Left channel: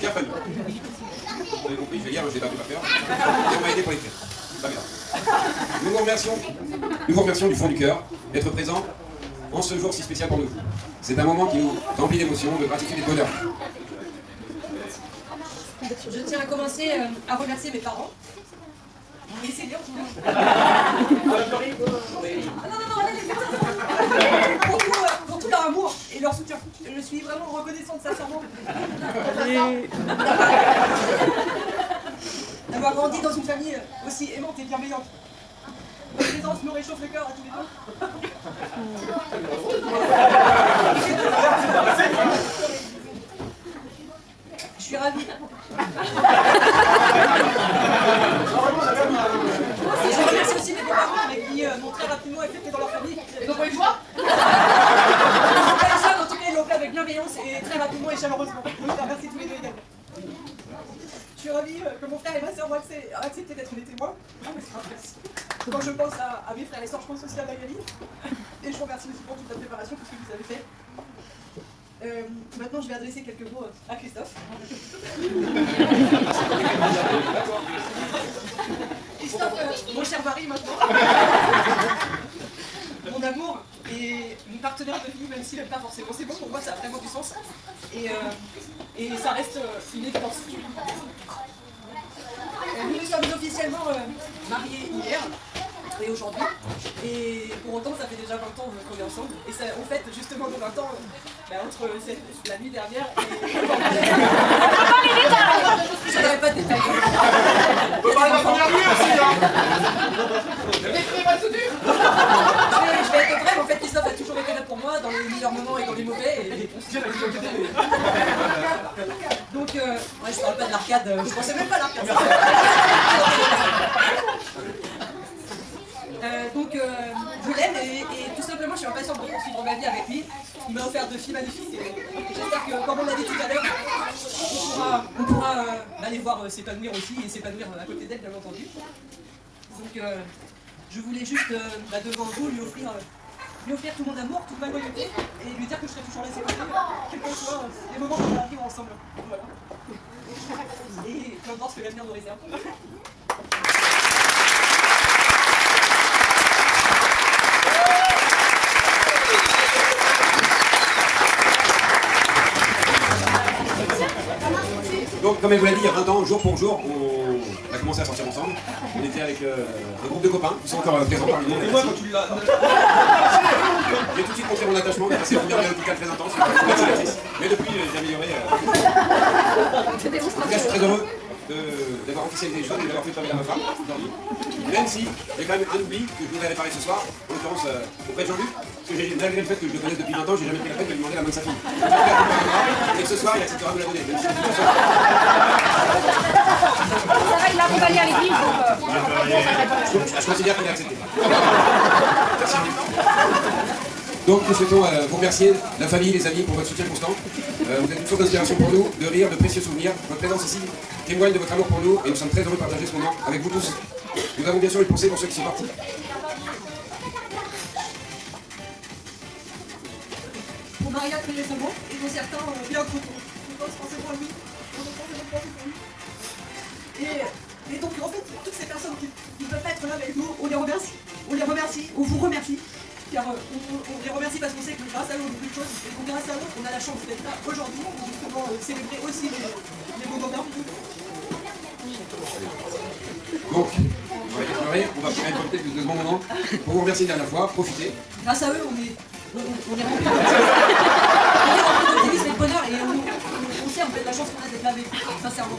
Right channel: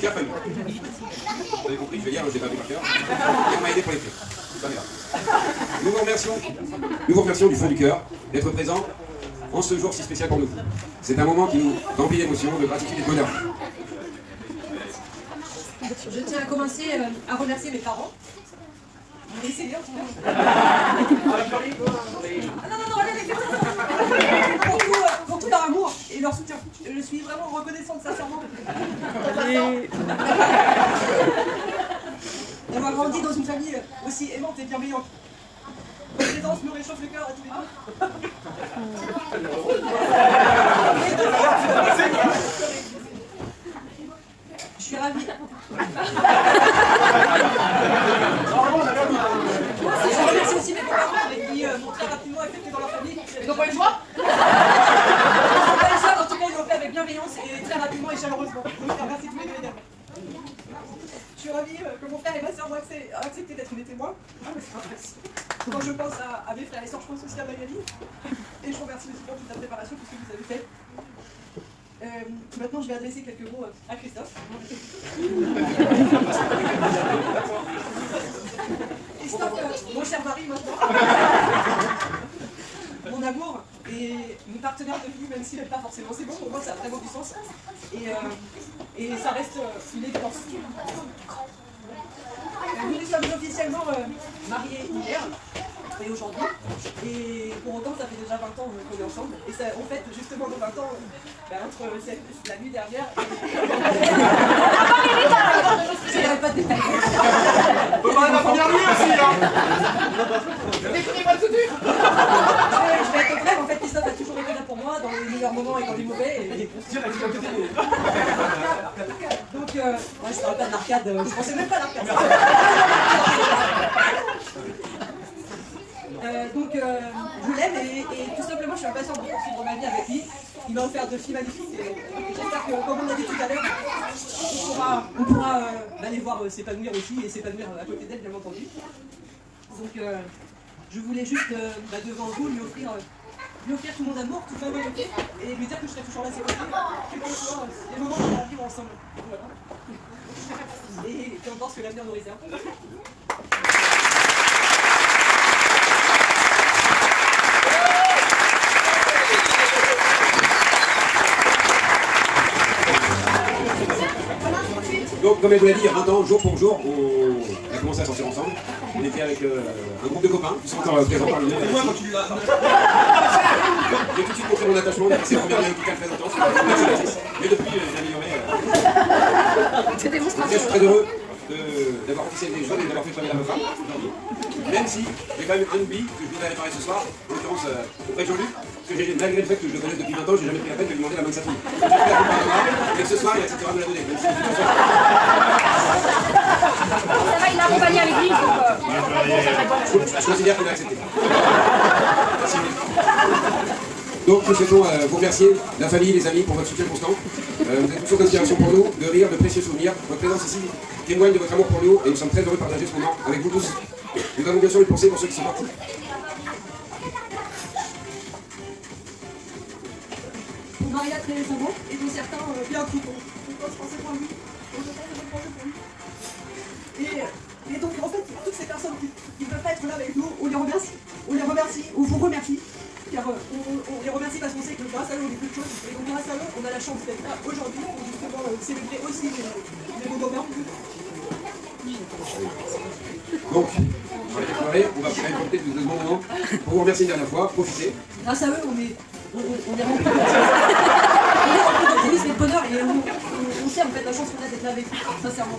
Bien fallu. Vous avez compris, je vais lire, je n'ai pas vu par cœur. Et on m'a aidé pour l'écrire. Ça m'est là. Nous vous remercions du fond du cœur d'être présents en ce jour si spécial pour nous. C'est un moment qui nous remplit d'émotions, de gratitude et de bonheur. Je tiens à commencer à remercier mes parents. Laissez lire, tout le monde. Pour tout leur amour et leur soutien. Je suis vraiment reconnaissante sincèrement d'avoir grandi dans une famille aussi aimante et bienveillante. Votre présence me réchauffe le cœur à tous les deux. Je suis ravie. Je remercie aussi mes beaux-parents avec qui m'ont très rapidement accepté dans leur famille. Ils n'ont pas eu le choix. Ils n'ont pas eu le choix, en tout cas ils l'ont fait avec bienveillance et très rapidement et chaleureusement. Donc je les remercie tous les deux également. Je suis ravie que mon frère et ma soeur ont accepté d'être mes témoins. Quand je pense à mes frères et soeurs, je pense aussi à Magali. Et je vous remercie aussi pour toute la préparation, tout ce que vous avez fait. Maintenant, je vais adresser quelques mots à Christophe. Christophe, mon cher mari maintenant. Mon amour et mon partenaire de vie, même s'il n'aime pas forcément. C'est bon, pour moi, ça a vraiment du sens. Et ça reste une évidence. Nous nous sommes officiellement mariés hier et aujourd'hui. Et pour autant, ça fait déjà 20 ans qu'on est ensemble. Et ça, on fête justement nos 20 ans entre la nuit dernière et... Je n'aurais pas de détails. La première nuit aussi, hein. Je vais être bref, en fait, Christophe a toujours été là pour moi, dans les meilleurs moments et dans les mauvais. Donc, ouais, je parle pas de l'arcade, je pensais même pas à l'arcade. Donc, je l'aime et tout simplement, je suis impatiente de poursuivre ma vie avec lui. Il m'a offert 2 filles magnifiques et j'espère que, comme on l'a dit tout à l'heure, on pourra les voir s'épanouir aussi et s'épanouir à côté d'elle, bien entendu. Donc, je voulais juste, devant vous, lui offrir tout mon amour, toute ma loyauté et lui dire que je serai toujours là à ses côtés, quels que soient les moments qu'on va vivre ensemble. Voilà. Et peu importe ce que l'avenir nous réserve. Donc, comme elle vous l'a dit, il y a 20 ans, jour pour jour, on a commencé à sortir ensemble. On était avec un groupe de copains, qui sont encore présents parmi nous. Moi, quand tu l'as. J'ai tout de suite montré mon attachement, on a passé le premier médical très intense, mais depuis, j'ai amélioré. Je suis très heureux d'avoir officialisé les choses et d'avoir fait travailler l'avocat aujourd'hui. Même si j'ai quand même un oubli que je voudrais réparer ce soir, en l'occurrence auprès de Jean-Luc, parce que malgré le fait que je le connaisse depuis 20 ans, j'ai jamais pris la peine de lui demander la main de sa fille. Et ce soir, il acceptera de me la donner, même si c'est tout ça. Il a accompagné à l'église, donc Je considère qu'il a accepté. Merci. Donc nous souhaitons vous remercier, la famille, les amis, pour votre soutien constant. Vous êtes une source d'inspiration pour nous, de rire, de précieux souvenirs. Votre présence ici témoigne de votre amour pour nous et nous sommes très heureux de partager ce moment avec vous tous. Nous avons bien sûr une pensée pour ceux qui sont partis. Pour Maria Trélézamo et pour certains bien coupons. Je pensais pour lui. Et donc en fait, toutes ces personnes qui ne peuvent pas être là avec nous, on les remercie. On les remercie, on vous remercie. Car on les remercie parce qu'on sait que grâce à eux on fait plus de choses. Et donc grâce à eux, on a la chance d'être là aujourd'hui pour justement célébrer aussi les beaux moments. Donc, on va les pleurer, on va faire une de ce bon moment pour vous remercier une dernière fois, profitez. Grâce à eux, on est remplis d'optimisme et de bonheur et on sait en fait la chance qu'on a d'être là avec vous, sincèrement.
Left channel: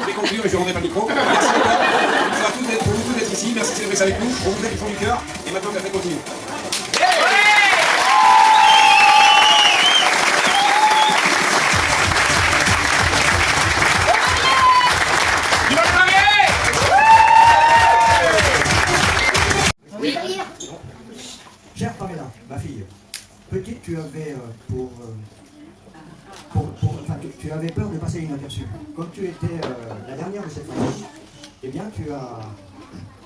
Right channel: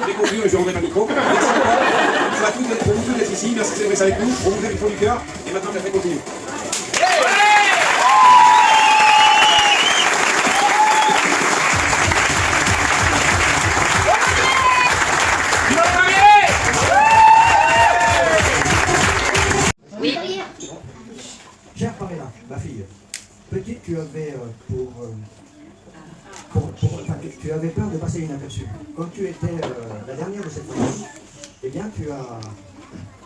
Je vais conclure et je rendrai pas le micro. Merci encore pour vous tous d'être ici, merci de célébrer ça avec nous, on vous fait du fond du cœur et maintenant la fête continue. Chère Pamela, ma fille, petite, tu avais tu avais peur de passer passé inaperçu. Comme tu étais la dernière de cette famille, eh bien, tu as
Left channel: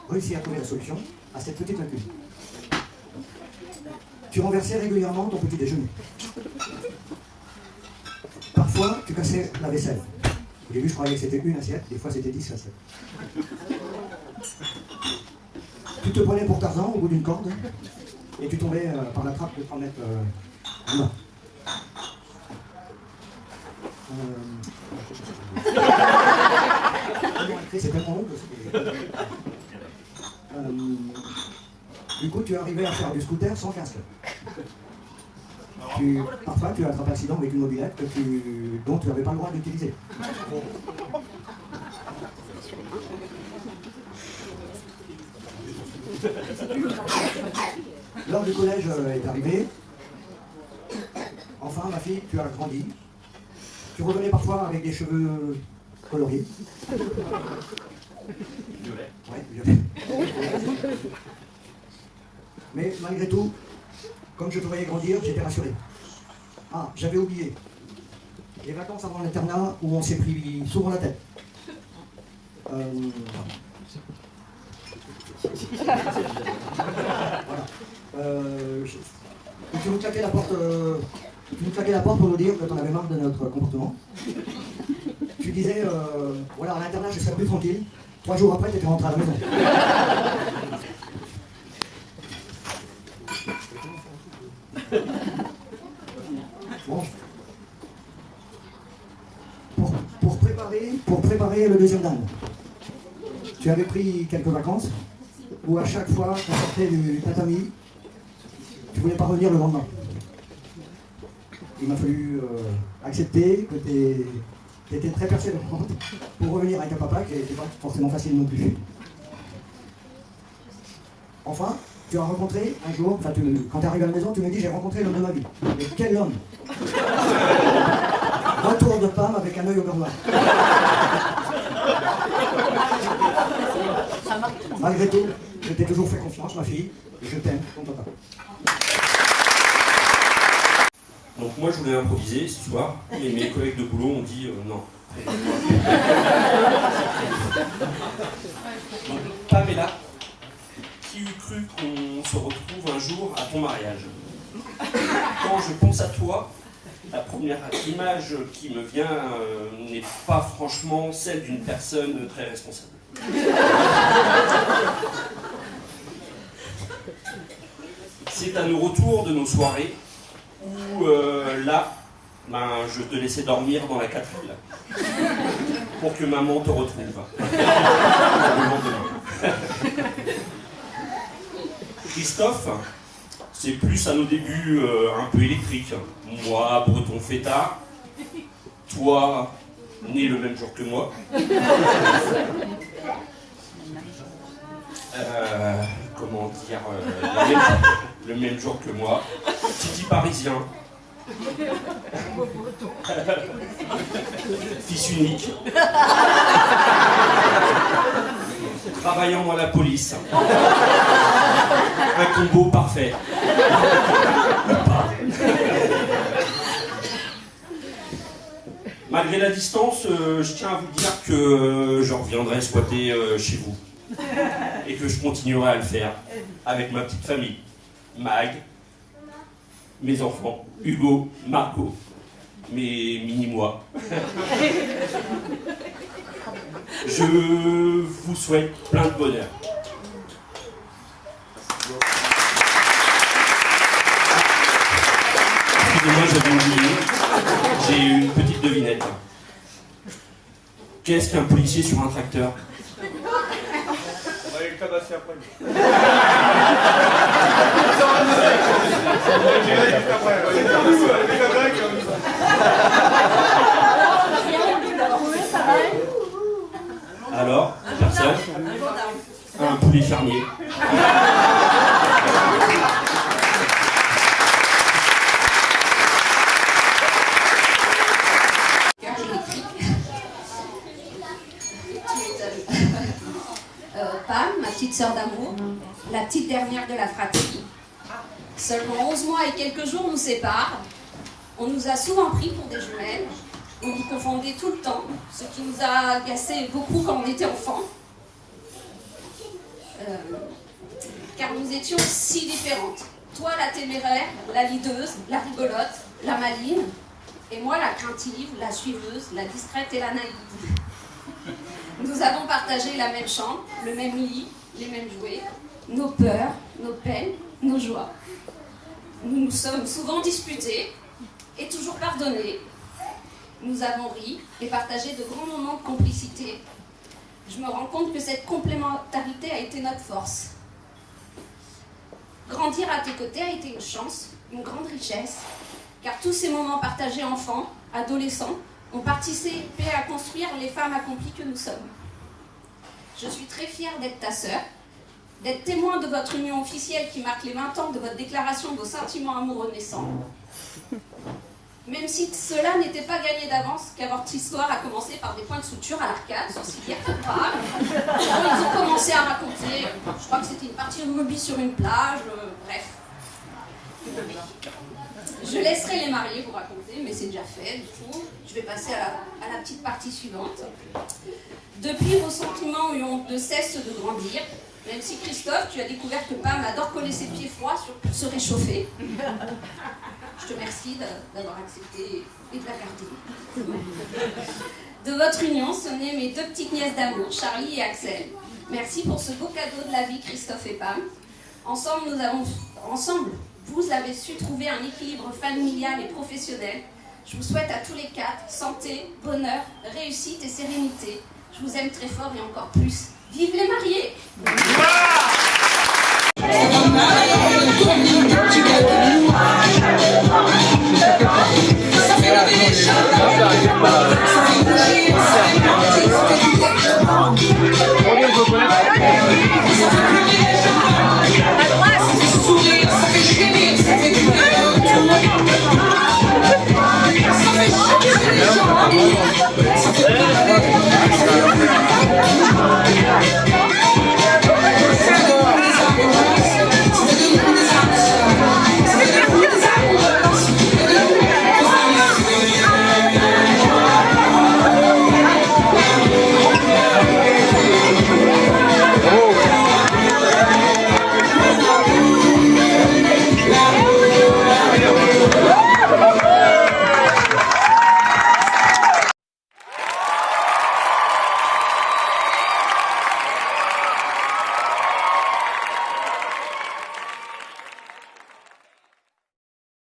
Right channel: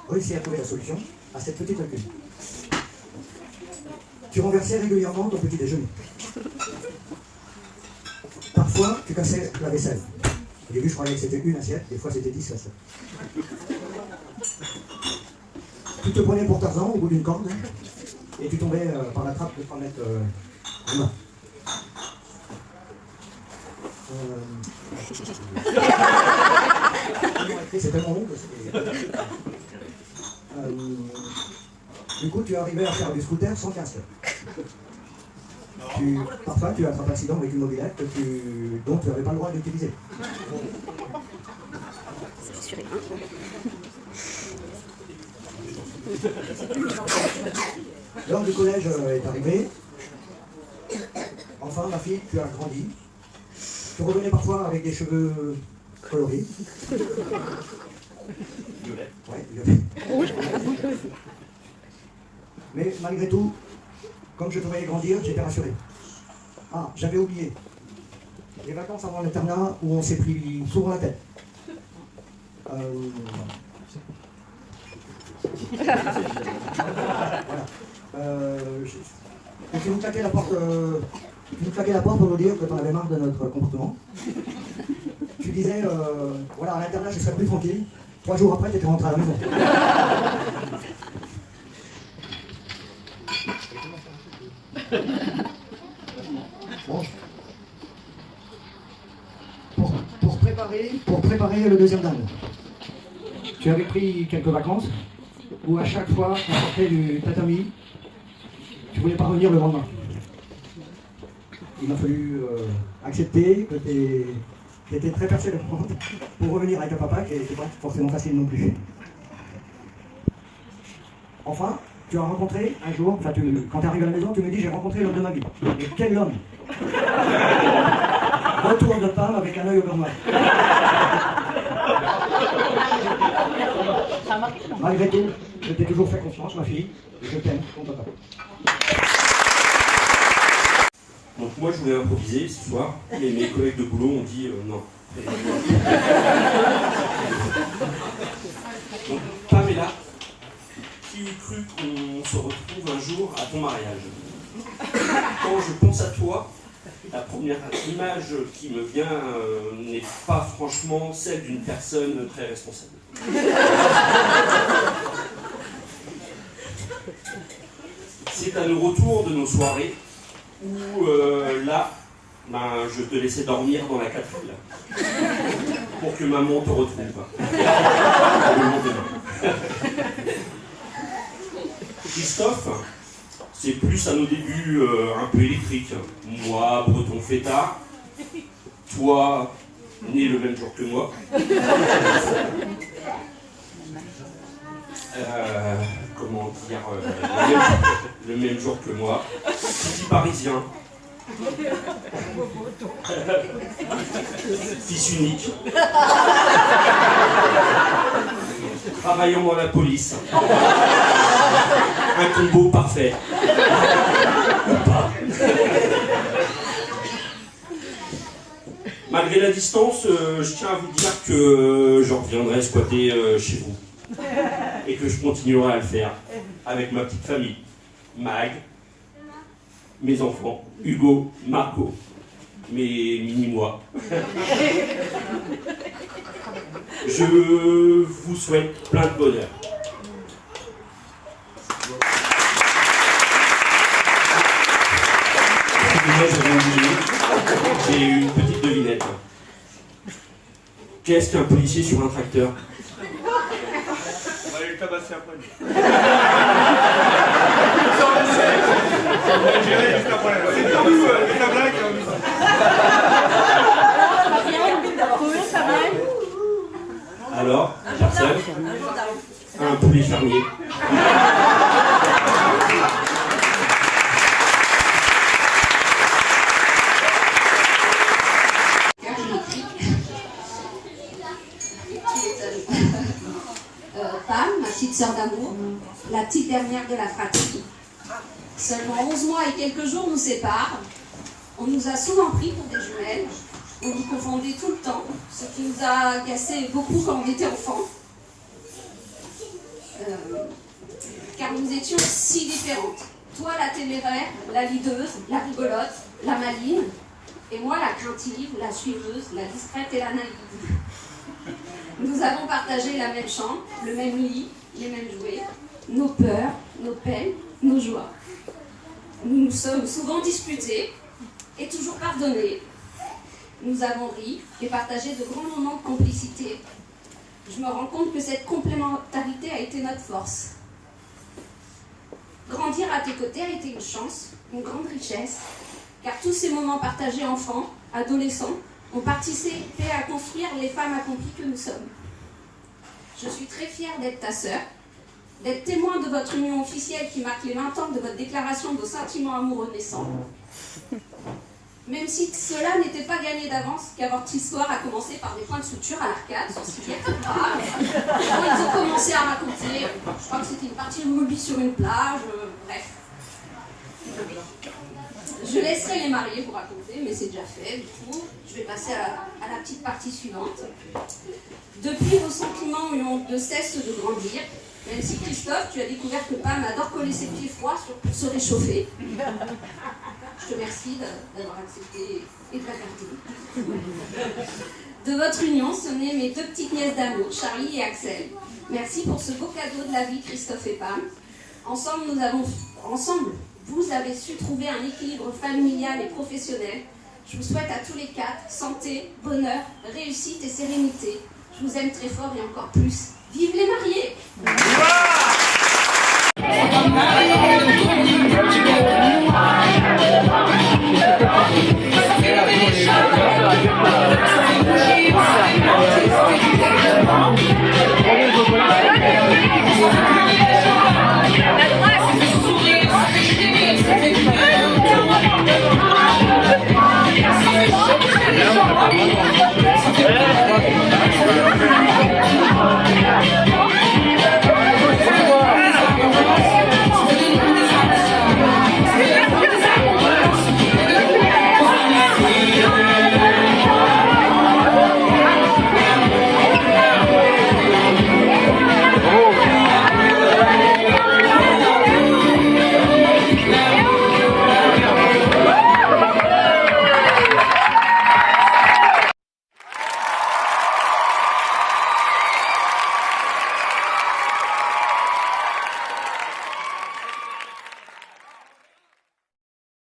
réussi à trouver la solution à cette petite lacune. Tu renversais régulièrement ton petit déjeuner. Parfois, tu cassais la vaisselle. Au début, je croyais que c'était une assiette, des fois c'était 10 assiettes. Tu te prenais pour Tarzan au bout d'une corde, et tu tombais par la trappe de 3 mètres en bas. C'est tellement long que du coup, tu arrivais à faire du scooter sans casque. Parfois, tu as attrapé accident avec une mobilette dont tu n'avais pas le droit d'utiliser. L'heure du collège est arrivée. Enfin, ma fille, tu as grandi. Tu revenais parfois avec des cheveux coloriés. Ouais, violet. Mais malgré tout, comme je te voyais grandir, j'étais rassuré. Ah, j'avais oublié. Les vacances avant l'internat où on s'est pris souvent la tête. Voilà. Tu nous claquais la porte. Tu nous claquais la porte pour nous dire que tu en avais marre de notre comportement. Tu disais, voilà, à l'internat, je serais plus tranquille. 3 jours après, tu étais rentré à la maison. Bon. Pour préparer le deuxième dan, tu avais pris quelques vacances où à chaque fois qu'on sortait du tatami, tu voulais pas revenir le lendemain. Il m'a fallu accepter que tu étais très persévérante pour revenir avec un papa qui n'était pas forcément facile non plus. Enfin, tu as rencontré un jour, quand tu es arrivé à la maison, tu me dis j'ai rencontré l'homme de ma vie. Mais quel homme? Retour de femme avec un œil au beurre noir. Malgré tout, je t'ai toujours fait confiance, ma fille, et je t'aime, ton papa. Donc moi je voulais improviser ce soir, et mes collègues de boulot ont dit non. Donc Pamela, qui eût cru qu'on se retrouve un jour à ton mariage? Quand je pense à toi, la première image qui me vient n'est pas franchement celle d'une personne très responsable. C'est à nos retours de nos soirées où là, je te laissais dormir dans la 4L pour que maman te retrouve. Le lendemain. Christophe, c'est plus à nos débuts un peu électrique. Moi, breton fêtard, toi, né le même jour que moi. Comment dire, le même jour que moi. Petit parisien. Fils unique. Travaillant dans la police. Un combo parfait. Ou pas. Malgré la distance, je tiens à vous dire que je reviendrai squatter chez vous. Et que je continuerai à le faire avec ma petite famille. Mag, mes enfants, Hugo, Marco, mes mini-moi. Je vous souhaite plein de bonheur. Excusez-moi, j'avais oublié. J'ai une petite devinette. Qu'est-ce qu'un policier sur un tracteur? On va le tabasser après. Alors, personne? Un poulet fermier. Pam, ma petite sœur d'amour, la petite dernière de la fratrie. Seulement 11 mois et quelques jours nous séparent. On nous a souvent pris pour des jumelles. On nous confondait tout le temps, ce qui nous a agacé beaucoup quand on était enfants. Car nous étions si différentes. Toi, la téméraire, la leaduse, la rigolote, la maligne, et moi, la craintive, la suiveuse, la discrète et la naïve. Nous avons partagé la même chambre, le même lit, les mêmes jouets, nos peurs, nos peines, nos joies. Nous nous sommes souvent disputés et toujours pardonnés. Nous avons ri et partagé de grands moments de complicité. Je me rends compte que cette complémentarité a été notre force. Grandir à tes côtés a été une chance, une grande richesse, car tous ces moments partagés enfants, adolescents, ont participé à construire les femmes accomplies que nous sommes. Je suis très fière d'être ta sœur, d'être témoin de votre union officielle qui marque les 20 ans de votre déclaration de vos sentiments amoureux naissants. Même si cela n'était pas gagné d'avance, car votre histoire a commencé par des points de suture à l'arcade, sur civière pas. Ils ont commencé à raconter, je crois que c'était une partie de rugby sur une plage, bref. Je laisserai les mariés vous raconter, mais c'est déjà fait, du coup. Je vais passer à la petite partie suivante. Depuis, vos sentiments ont de cesse de grandir, même si Christophe, tu as découvert que Pam adore coller ses pieds froids pour se réchauffer. Je te remercie d'avoir accepté et de la garder. De votre union sont nées mes deux petites nièces d'amour, Charlie et Axel. Merci pour ce beau cadeau de la vie, Christophe et Pam. Ensemble, vous avez su trouver un équilibre familial et professionnel. Je vous souhaite à tous les quatre santé, bonheur, réussite et sérénité. Je vous aime très fort et encore plus. Vive les mariés!